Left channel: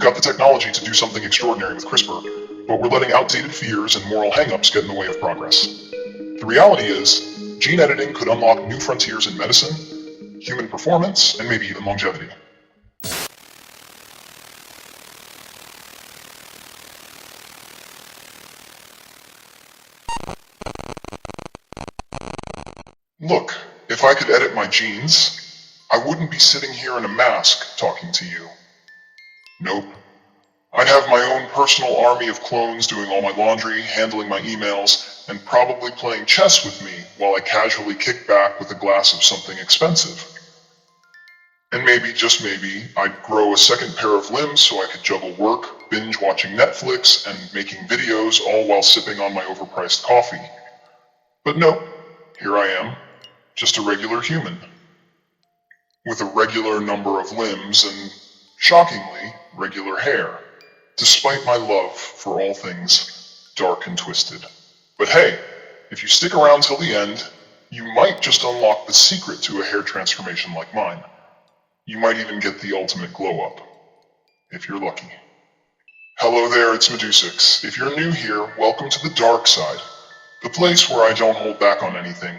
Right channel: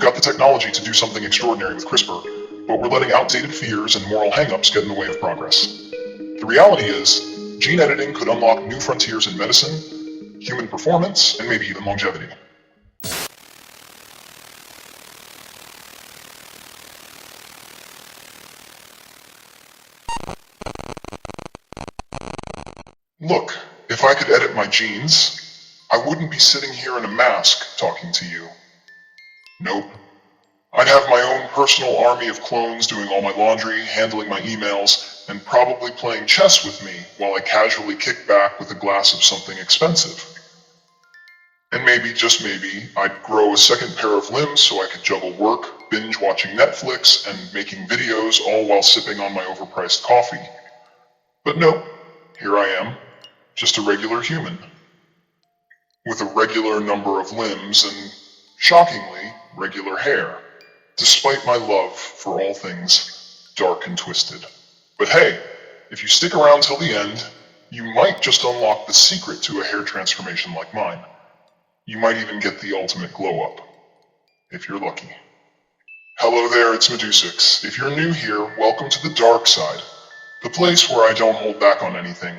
We've got the technology to do something extraordinary with CRISPR, but we're letting outdated fears and moral hang-ups get in the way of progress. The reality is, gene editing could unlock new frontiers in medicine, human performance, and maybe even longevity. Look, if I could edit my genes, I wouldn't be sitting here in a mask talking to you. Nope. I'd have my own personal army of clones doing all my laundry, handling my emails, and probably playing chess with me while I casually kick back with a glass of something expensive. And maybe, just maybe, I'd grow a second pair of limbs so I could juggle work, binge watching Netflix, and making videos all while sipping on my overpriced coffee. But nope, here I am, just a regular human, with a regular number of limbs and, shockingly, regular hair, despite my love for all things dark and twisted. But hey, if you stick around till the end, you might just unlock the secret to a hair transformation like mine. You might even get the ultimate glow up, if you're lucky. Hello there, it's Medusux. If you're new here, welcome to the dark side, the place where I don't hold back on anything,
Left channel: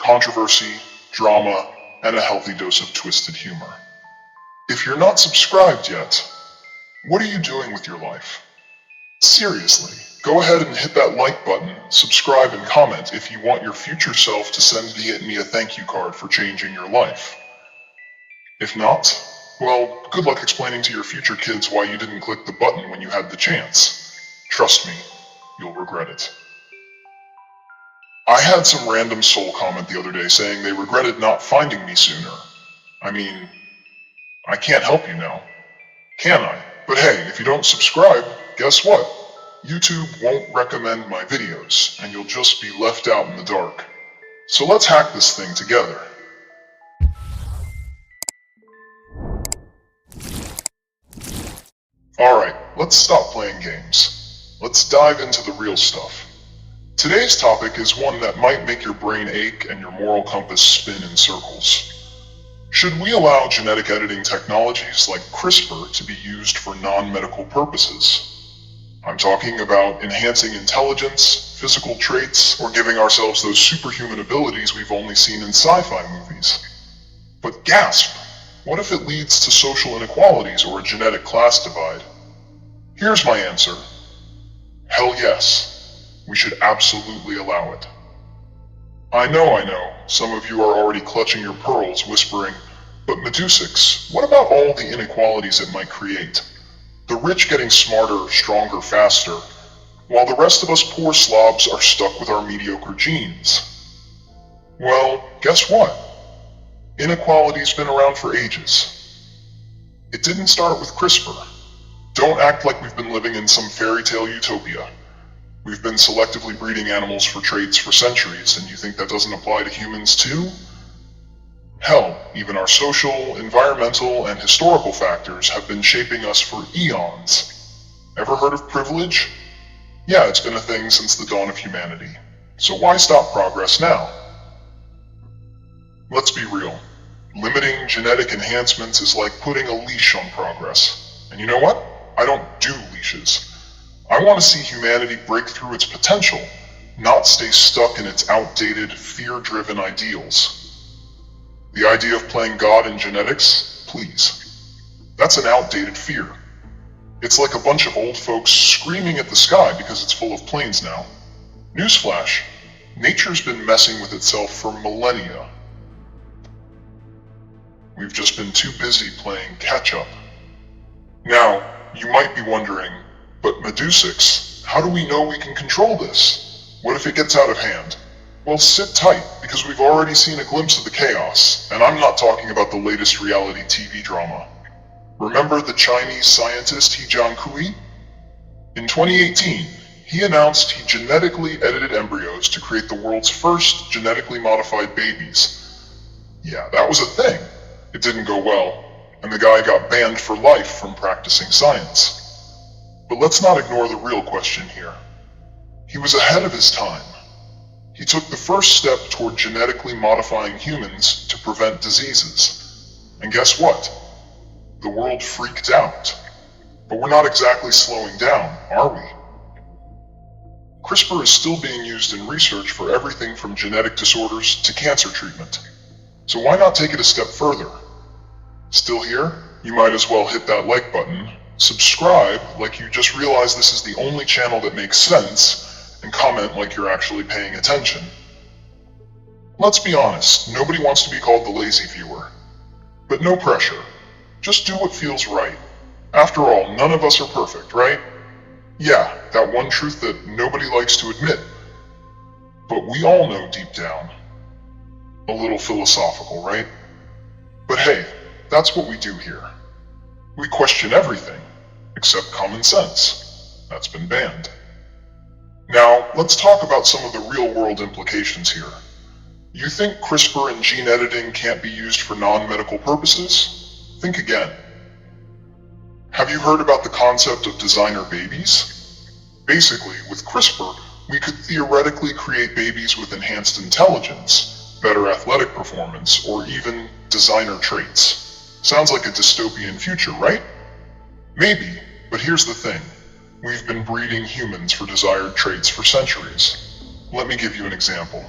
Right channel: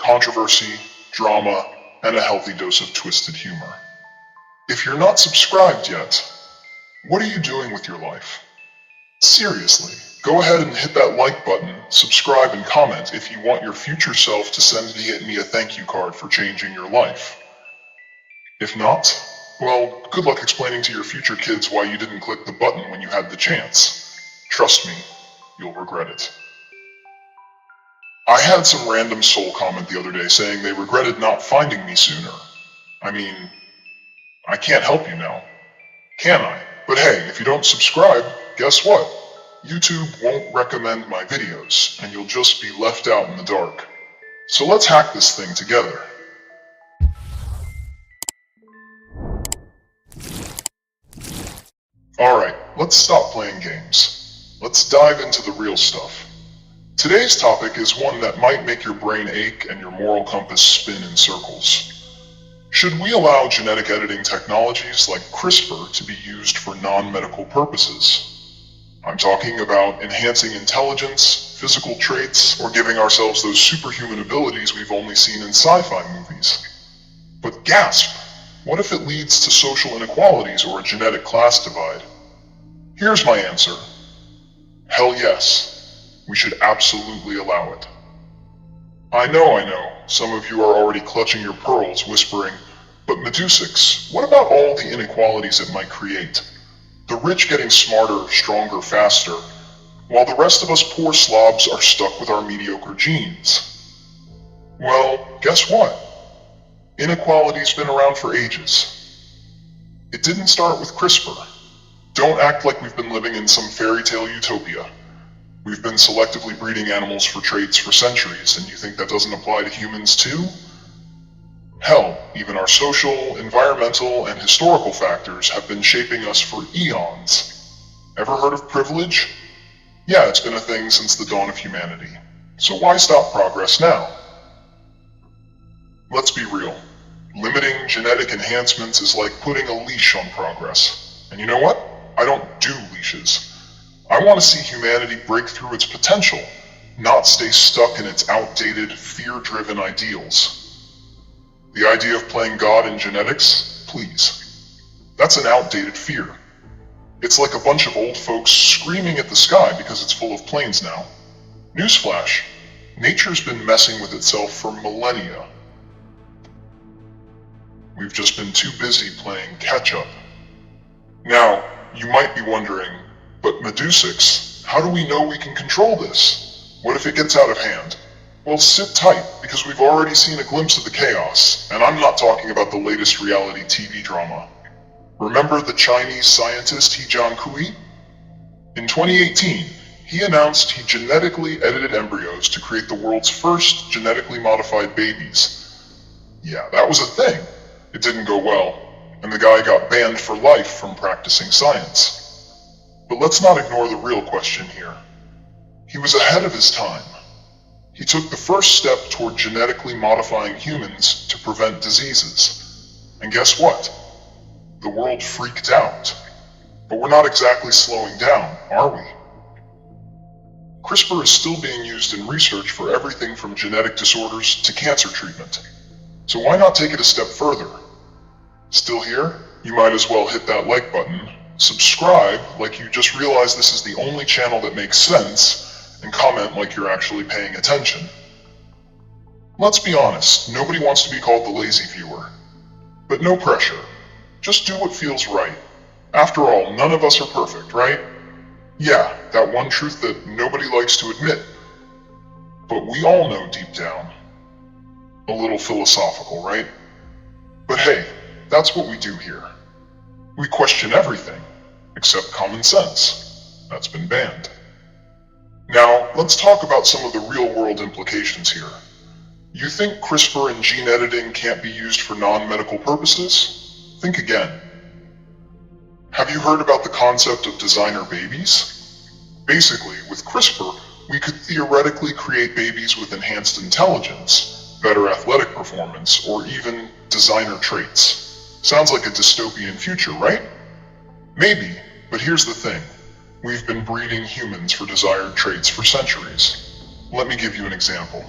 controversy, drama, and a healthy dose of twisted humor. If you're not subscribed yet, what are you doing with your life? Seriously, go ahead and hit that like button, subscribe, and comment if you want your future self to send me a thank you card for changing your life. If not, well, good luck explaining to your future kids why you didn't click the button when you had the chance. Trust me, you'll regret it. I had some random soul comment the other day saying they regretted not finding me sooner. I mean, I can't help you now, can I? But hey, if you don't subscribe, guess what? YouTube won't recommend my videos, and you'll just be left out in the dark. So let's hack this thing together. Alright, let's stop playing games. Let's dive into the real stuff. Today's topic is one that might make your brain ache and your moral compass spin in circles. Should we allow genetic editing technologies like CRISPR to be used for non-medical purposes? I'm talking about enhancing intelligence, physical traits, or giving ourselves those superhuman abilities we've only seen in sci-fi movies. But gasp! What if it leads to social inequalities or a genetic class divide? Here's my answer. Hell yes. We should absolutely allow it. I know, some of you are already clutching your pearls, whispering, but Medusux, what about all the inequalities it might create? The rich getting smarter, stronger, faster, while the rest of us poor slobs are stuck with our mediocre genes. Well, guess what? Inequality's been around for ages. It didn't start with CRISPR. Don't act like we've been living in some fairy tale utopia. We've been selectively breeding animals for traits for centuries, and you think that doesn't apply to humans too? Hell, even our social, environmental, and historical factors have been shaping us for eons. Ever heard of privilege? Yeah, it's been a thing since the dawn of humanity. So why stop progress now? Let's be real. Limiting genetic enhancements is like putting a leash on progress. And you know what? I don't do leashes. I want to see humanity break through its potential, not stay stuck in its outdated, fear-driven ideals. The idea of playing God in genetics? Please. That's an outdated fear. It's like a bunch of old folks screaming at the sky because it's full of planes now. Newsflash, nature's been messing with itself for millennia. We've just been too busy playing catch-up. Now, you might be wondering, but Medusux, how do we know we can control this? What if it gets out of hand? Well, sit tight, because we've already seen a glimpse of the chaos, and I'm not talking about the latest reality TV drama. Remember the Chinese scientist He Jiankui? In 2018, he announced he genetically edited embryos to create the world's first genetically modified babies. Yeah, that was a thing. It didn't go well, and the guy got banned for life from practicing science. But let's not ignore the real question here. He was ahead of his time. He took the first step toward genetically modifying humans to prevent diseases. And guess what? The world freaked out. But we're not exactly slowing down, are we? CRISPR is still being used in research for everything from genetic disorders to cancer treatment. So why not take it a step further? Still here? You might as well hit that like button, subscribe like you just realized this is the only channel that makes sense, and comment like you're actually paying attention. Let's be honest, nobody wants to be called the lazy viewer. But no pressure. Just do what feels right. After all, none of us are perfect, right? Yeah, that one truth that nobody likes to admit. But we all know deep down. A little philosophical, right? But hey, that's what we do here. We question everything, except common sense. That's been banned. Now, let's talk about some of the real-world implications here. You think CRISPR and gene editing can't be used for non-medical purposes? Think again. Have you heard about the concept of designer babies? Basically, with CRISPR, we could theoretically create babies with enhanced intelligence, better athletic performance, or even designer traits. Sounds like a dystopian future, right? Maybe, but here's the thing. We've been breeding humans for desired traits for centuries. Let me give you an example.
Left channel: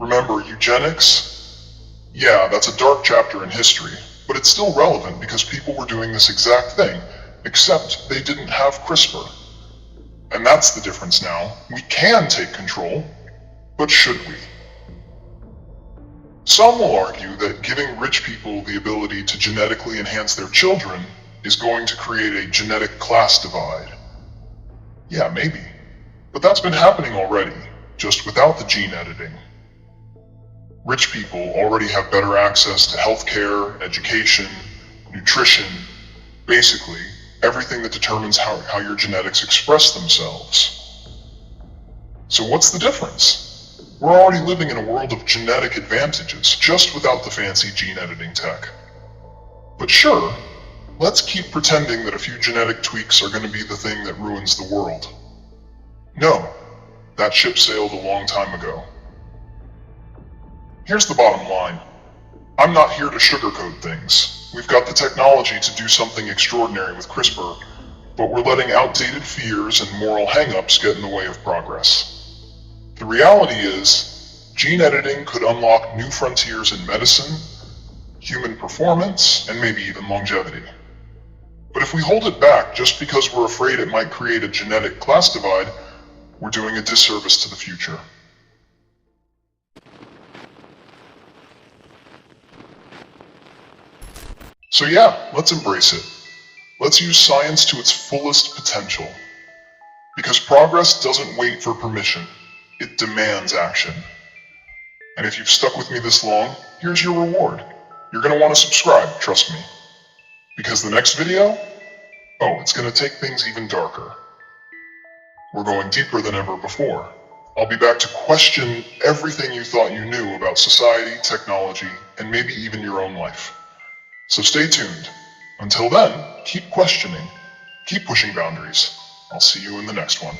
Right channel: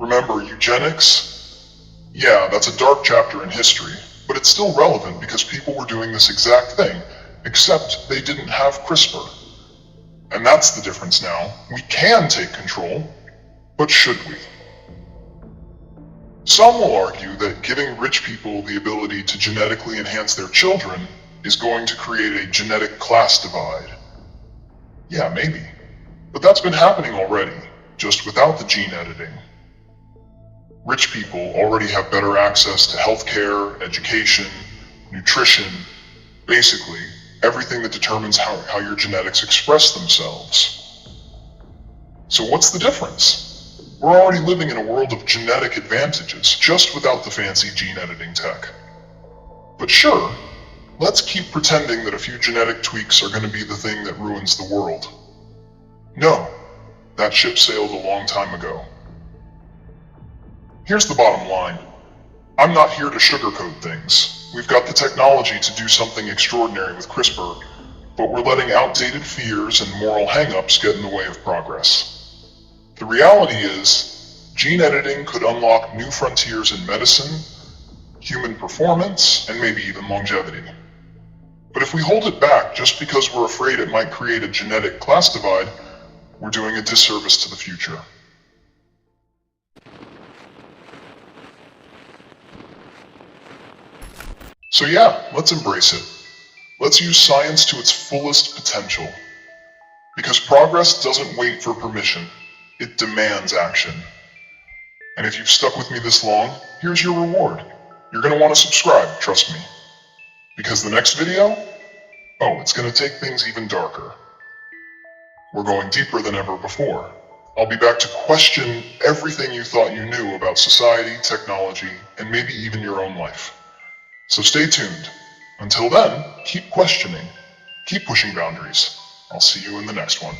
Remember eugenics? Yeah, that's a dark chapter in history, but it's still relevant because people were doing this exact thing, except they didn't have CRISPR. And that's the difference now. We can take control, but should we? Some will argue that giving rich people the ability to genetically enhance their children is going to create a genetic class divide. Yeah, maybe. But that's been happening already, just without the gene editing. Rich people already have better access to healthcare, education, nutrition, basically everything that determines how your genetics express themselves. So what's the difference? We're already living in a world of genetic advantages, just without the fancy gene editing tech. But sure, let's keep pretending that a few genetic tweaks are going to be the thing that ruins the world. No, that ship sailed a long time ago. Here's the bottom line. I'm not here to sugarcoat things. We've got the technology to do something extraordinary with CRISPR, but we're letting outdated fears and moral hang-ups get in the way of progress. The reality is, gene editing could unlock new frontiers in medicine, human performance, and maybe even longevity. But if we hold it back just because we're afraid it might create a genetic class divide, we're doing a disservice to the future. So yeah, let's embrace it. Let's use science to its fullest potential. Because progress doesn't wait for permission, it demands action. And if you've stuck with me this long, here's your reward. You're going to want to subscribe, trust me. Because the next video? Oh, it's going to take things even darker. We're going deeper than ever before. I'll be back to question everything you thought you knew about society, technology, and maybe even your own life. So stay tuned. Until then, keep questioning. Keep pushing boundaries. I'll see you in the next one.